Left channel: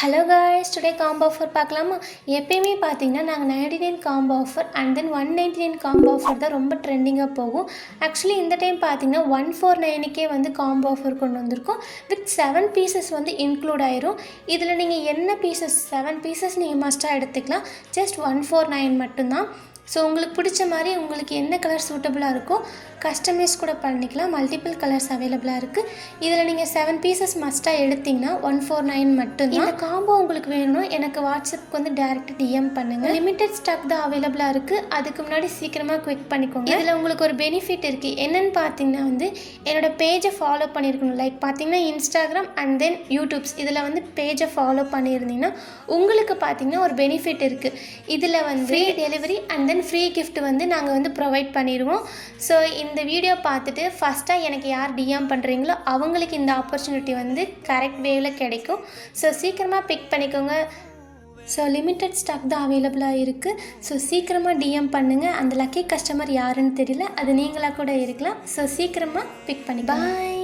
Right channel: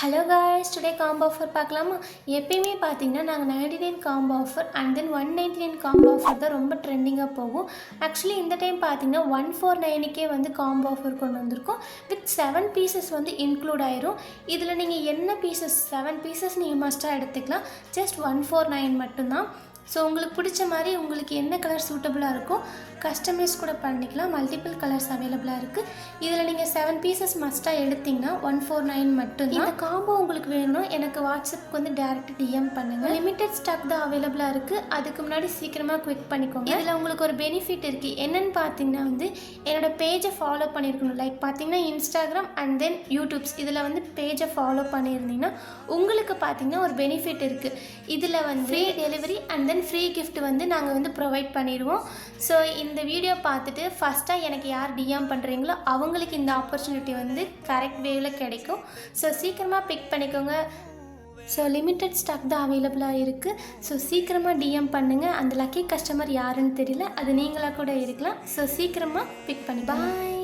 Hello guys, today combo offer பார்க்கலாமா? எப்பயுமே பார்த்தீங்கன்னா நாங்கள் 99 combo offer and then 199 combo offer தான் ரொம்ப ட்ரெண்டிங்காக போகும். ஆக்சுவலி இந்த டைம் பார்த்தீங்கன்னா 149க்கே வந்து காம்போ ஆஃபர் கொண்டு வந்திருக்கோம். வித் 7 பீசஸ் வந்து இன்க்ளூட் ஆயிரும். இதில் நீங்கள் என்ன பீசஸ் 7 பீசஸ் நீங்கள் மஸ்ட்டாக எடுத்துக்கலாம். ஜஸ்ட் 149 மட்டும்தான். ஸோ உங்களுக்கு பிடிச்ச மாதிரி உங்களுக்கு என்ன கலர் சூட்டபுளாக இருக்கோ கஸ்டமைஸ் கூட பண்ணிக்கலாம். மல்டிபிள் கலர்ஸ் அவைலபிளாக இருக்குது. இதில் நீங்கள் 7 பீசஸ் மஸ்ட்டாக எடுத்திங்கன்னா 149 மட்டும்தான். இந்த காம்போ உங்களுக்கு வேணும்னா எனக்கு வாட்ஸ்அப்புக்கு வந்து டேரெக்ட் டிஎம் பண்ணுங்கள். லிமிடெட் ஸ்டாக் தான் அவைலபிளாக இருக்குது. அதுக்கு முன்னாடி சீக்கிரமாக குவிக் பண்ணிக்கோங்க. இதில் உங்களுக்கு ஒரு பெனிஃபிட் இருக்குது. என்னென்னு பார்த்தீங்கன்னா வந்து என்னோடய பேஜை ஃபாலோ பண்ணியிருக்கணும். லைக் பார்த்தீங்கன்னா இன்ஸ்டாகிராம் அண்ட் தென் யூடியூப்ஸ் இதில் வந்து பேஜை ஃபாலோ பண்ணியிருந்தீங்கன்னா உங்களுக்கு பார்த்தீங்கன்னா ஒரு பெனிஃபிட் இருக்குது. இதில் வந்து free delivery and then free gift வந்து நாங்கள் வந்து ப்ரொவைட் பண்ணிடுவோம். ஸோ இந்த வீடியோ பார்த்துட்டு ஃபஸ்ட்டாக எனக்கு யார் டிஎம் பண்ணுறீங்களோ அவங்களுக்கு இந்த ஆப்பர்ச்சுனிட்டி வந்து கரெக்ட் வேவில் கிடைக்கும். ஸோ சீக்கிரமாக பிக் பண்ணிக்கோங்க. ஸோ லிமிட்டட் ஸ்டாக் தான் அவைலபிளாக இருக்குது. ஸோ சீக்கிரமாக டிஎம் பண்ணுங்கள். அந்த லக்கி கஸ்டமர் யாருன்னு தெரியல, அது நீங்களாக கூட இருக்கலாம். ஸோ சீக்கிரமாக பிக் பண்ணி பாய்.